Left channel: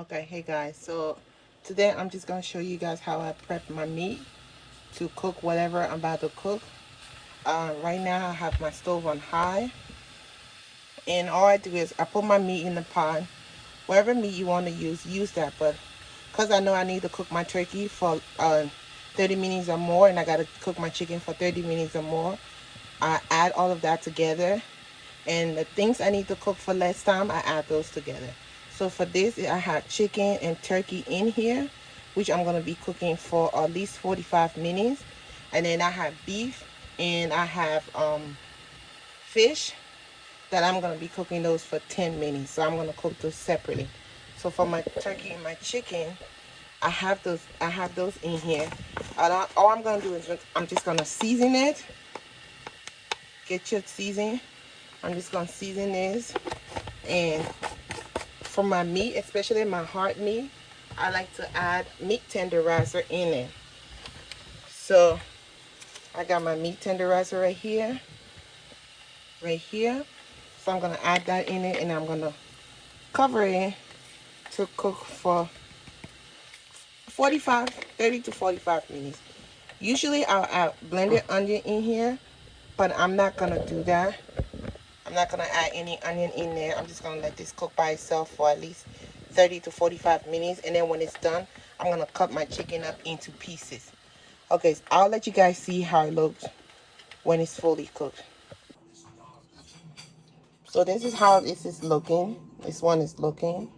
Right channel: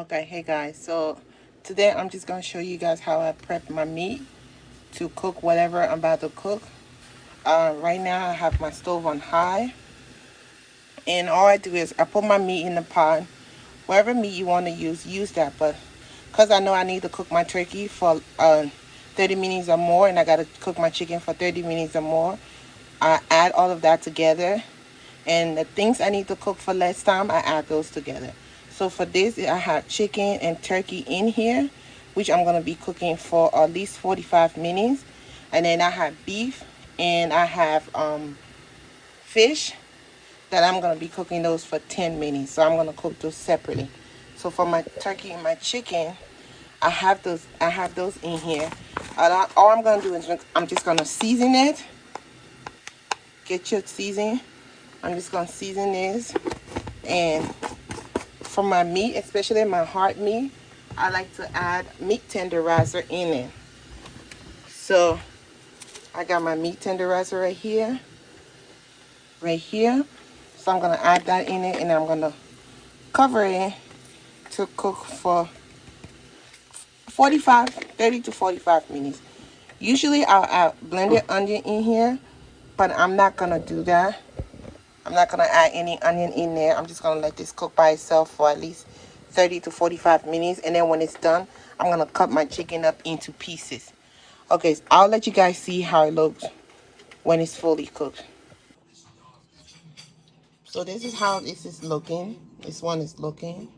Okay, hey guys, so today I'm just going to show you guys how I prep my meat to cook whatever I'm about to cook. Right now I have my stove on high, and all I do is I put my meat in the pot. Whatever meat you want to use that, but because I know I need to cook my turkey for 30 minutes or more, and I got to cook my chicken for 30 minutes or more, I add all of that together, and the things I need to cook for less time, I add those together. So for this, I have chicken and turkey in here, which I'm going to be cooking for at least 45 minutes. And then I have beef, and I have fish that I'm going to be cooking those for 10 minutes. So I'm going to cook those separately. So for my turkey and my chicken, I have those in here. All I'm going to do is I'm just going to season it. Get your seasoning. I'm just going to season this. And for my meat, especially my heart meat, I like to add meat tenderizer in it. So I got my meat tenderizer right here. So I'm going to add that in it, and I'm going to cover it to cook for 30 to 45 minutes. Usually I'll add blended onion in here, but I'm not going to do that. I'm not going to add any onion in there. I'm just going to let this cook by itself for at least 30 to 45 minutes. And then when it's done, I'm going to cut my chicken up into pieces. Okay, so I'll let you guys see how it looks when it's fully cooked. So this is how this is looking. This one is looking.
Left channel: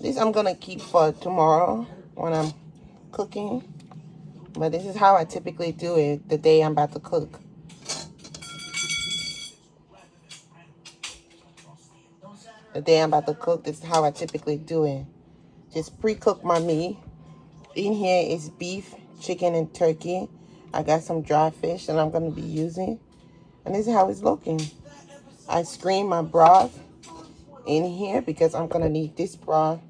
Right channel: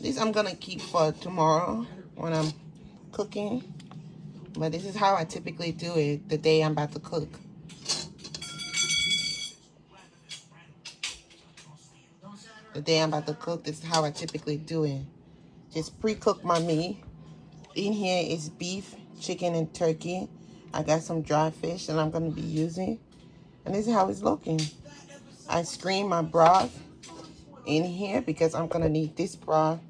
This I'm going to keep for tomorrow when I'm cooking. But this is how I typically do it the day I'm about to cook. The day I'm about to cook, this is how I typically do it. Just pre-cook my meat. In here is beef, chicken, and turkey. I got some dry fish that I'm going to be using. And this is how it's looking. I screen my broth in here because I'm going to need this broth.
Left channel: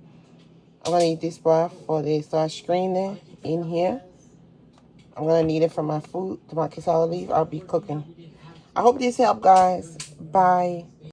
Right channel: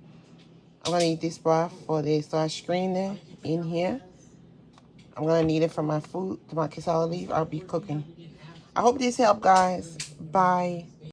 I'm going to need this broth for this. So I screen it in here. I'm going to need it for my food, my cassava leaf I'll be cooking. I hope this helped, guys. Bye.